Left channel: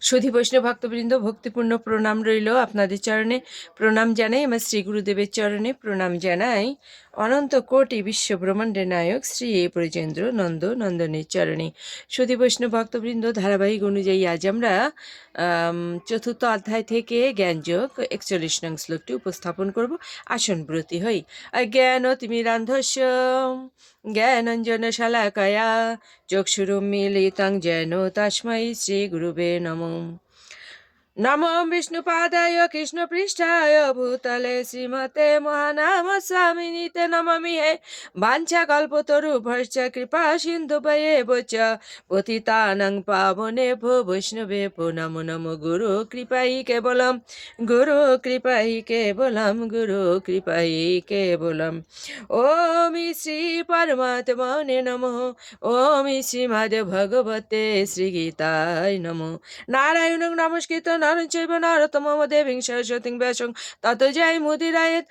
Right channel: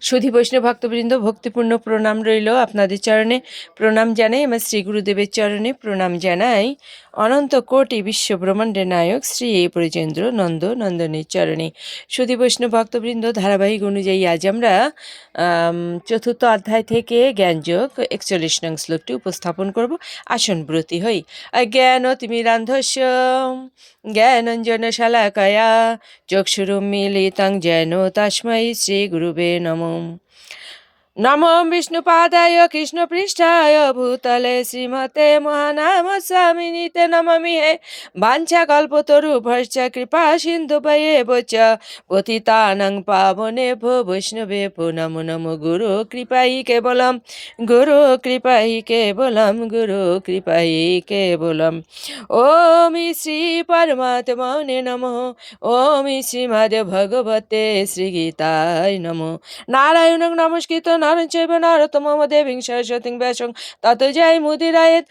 সুধী বৈষ্ণব ভক্তবৃন্দ, ভক্তিপূর্ণ প্রণাম রইল আপনাদের চরণে। প্রণাম জানাই আমার শ্রী গুরুদেবের চরণে। প্রণাম জানাই অনন্ত কোটি বিশ্ব ব্রহ্মাণ্ডের নায়ক শ্রী এ ব্রজেন্দ্র নন্দ নন্দনের চরণে। সুধী বৈষ্ণব ভক্তবৃন্দ, ধারাবাহিক অনুযায়ী আজ আমরা চতুর্থ অধ্যায় থেকে জ্ঞানযোগ একচল্লিশ নং শ্লোকটি উপস্থাপন করব। আসন ব্রতী হই। জ্ঞান তিমিরান্ধস্য জ্ঞানঞ্জন শালাকয়া চক্ষুরুন্মিলিतं যেন তস্मै শ্রীগুরুবে নমঃ। home নমো বিষ্ণুপাদায় কৃষ্ণপৃষ্ঠায় ভূতলে শ্রীমতে মহানাম স্বামিনীতে নমামি হে বাঞ্ছা কল্পতরু ভর্ষ কৃপা সিন্ধু পয়ে চ পতিতানং পাবনে ভো বৈষ্ণবে ভো নমো নমো গুরু কৃপাই কেবলম গুরু কৃপাই কেবলম গুরু কৃপাই কেবলম ওম শ্রী পরমাত্মনে নমঃ ওম শ্রীমদ ভগবতে শ্রীগীতায় নমঃ নারায়ণং নমস্কৃত চৈব নরতমো দেবীং সরস্বতীং ব্যাসং তত জয় মুদিরায়েত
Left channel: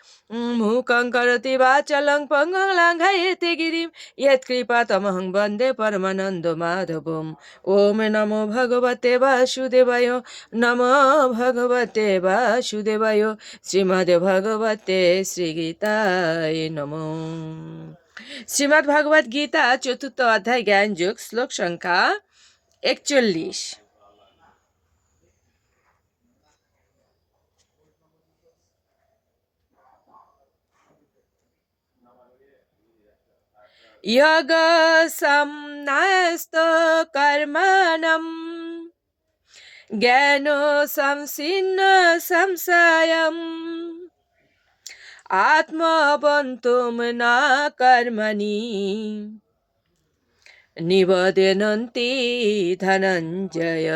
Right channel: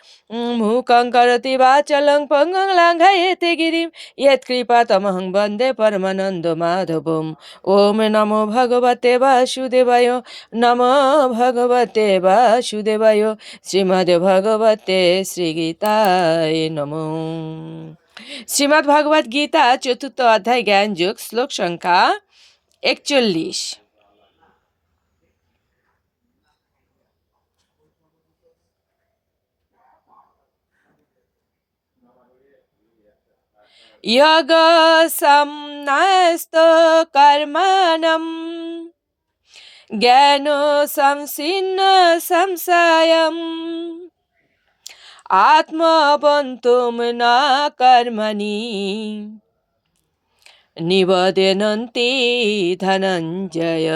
মুখং করতি বাচলং পঙ্গং লাঙ্ঘায়েতে গিরিম ইয়ৎকৃপা তমহং বন্দে পরমানন্দ মাধবম ওম নমো ভগবতে বাসুদেবায় নমো ভগবতে বাসুদেবায় শ্রীমদ ভগবতে শ্রীগীতায় নমঃ শ্রীমদ্ ভাগবত গীতা চতুর্থ অধ্যায় জ্ঞান যোগ শ্লোক সংখ্যা একচল্লিশ યગ સમસ્ત કર્મણમ জ্ঞানো সংসিন্ন সংশয়ম আত্মবন্তুম না কর্মণি নিবদনন্তি ধনঞ্জয়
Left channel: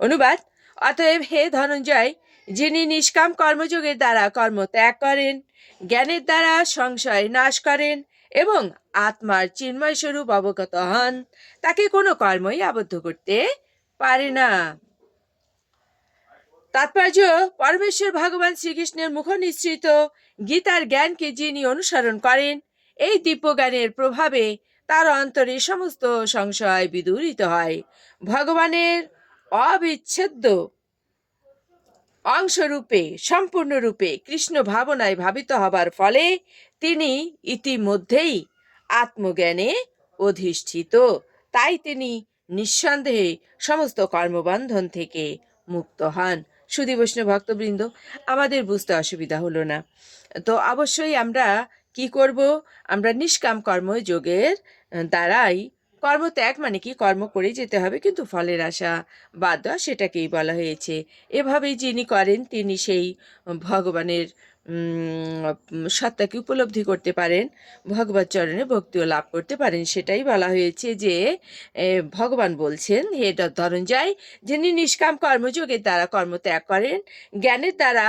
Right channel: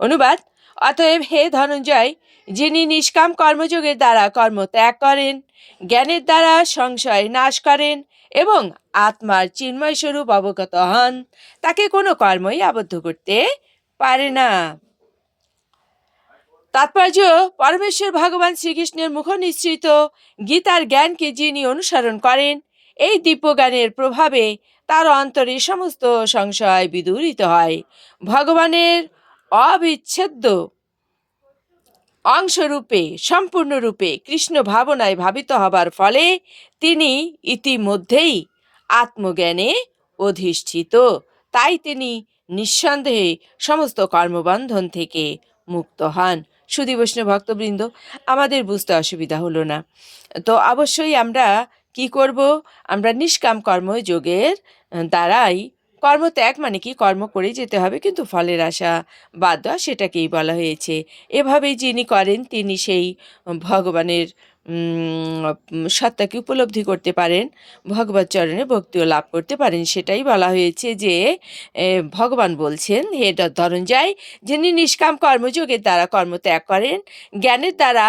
অনুবাদ অতএব হে ধনঞ্জয়, যিনি নিষ্কাম কর্মযোগের দ্বারা কর্ম ত্যাগ করেন, জ্ঞানের দ্বারা সংশয় নাশ করেন এবং আত্মার চিন্ময় স্বরূপ অবগত হন। তাকে কোনো কর্মই আবদ্ধ করতে পারে না। তাৎপর্য, পরমেশ্বর ভগবান শ্রীকৃষ্ণের মুখ নিশ্চিত গীতার জ্ঞানকে যিনি অনুসরণ করেন, এই দিব্যজ্ঞানের প্রভাবে তার অন্তরে সমস্ত সংশয় বিদূরিত হয়। ভগবানের অবিচ্ছেদ্য অংশরূপে, সম্পূর্ণরূপে কৃষ্ণ ভাবনায় ভাবিত হবার ফলে তিনি ইতিমধ্যেই আত্মজ্ঞানে অধিষ্ঠিত। তাই তিনি নিঃসন্দেহে সমস্ত কর্মবন্ধন থেকে মুক্ত হন। সুধী বৈষ্ণব ভক্তবৃন্দ, আমাদের বুঝতে অসুবিধা হলো না। তো অবশ্যই আমরা কি করব? আমরা নিষ্কাম কর্মযোগের দ্বারাই কর্মত্যাগ মানে কি? কর্ম করে যেতে হবে, কিন্তু ফলের আশা বাদ দেওয়া সেটাকেই বলা হয়েছে। এভাবেই যিনি করেন, তিনি সেই ভগবানের সত্তাকে উপলব্ধি করতে পারেন, ভগবত চরণে ভক্তিও লাভ করতে পারেন। সেটাই বলা হয়েছে যে ভগবান বলছেন, হে ধনঞ্জয়, যিনি নিষ্কাম কর্মযোগের দ্বারা কর্ম ত্যাগ করেন, জ্ঞানের দ্বারা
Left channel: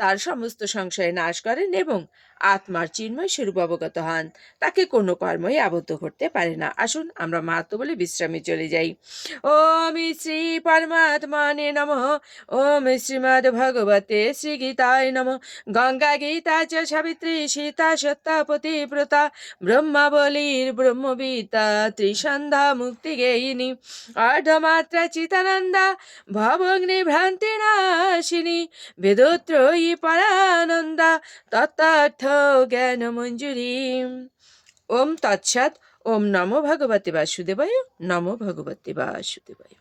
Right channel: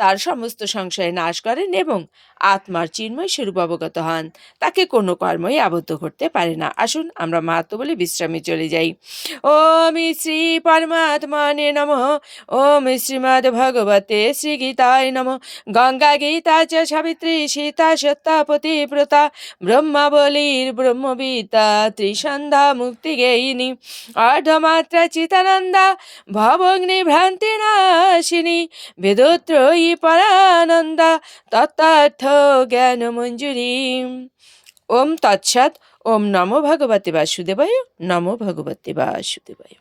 তার সমস্ত সংশয় নাশ করেন এবং আত্মার চিন্ময় স্বরূপ অবগত হন। তাকে কোনো কর্মই আবদ্ধ করতে পারে না। আসুন, আমরা মাহাত্ম বলে বিশ্রামে চলে যাই। ওম শ্রী পরমাত্মানে নম। ওম শ্রীমদ্ ভগবতে শ্রী গীতায় নম। গঙ্গা গীতা চ সাবিত্রী সীতা সত্তা পতিব্রতা ব্রহ্মাবলীর ব্রহ্মবিতা ত্রিসন্ধ্যা মুক্তিগেয়িনী অর্ধমাত্রা চিতানন্দা ভবগ্নি ভ্রান্তি নাশিনী বেদত্রয়ী পরানন্দা তত্ত্বার্থ জ্ঞান ওম তৎসৎ ওম নমো ভগবতে বাসুদেবায় নমো ভগবতে বাসুদেবায়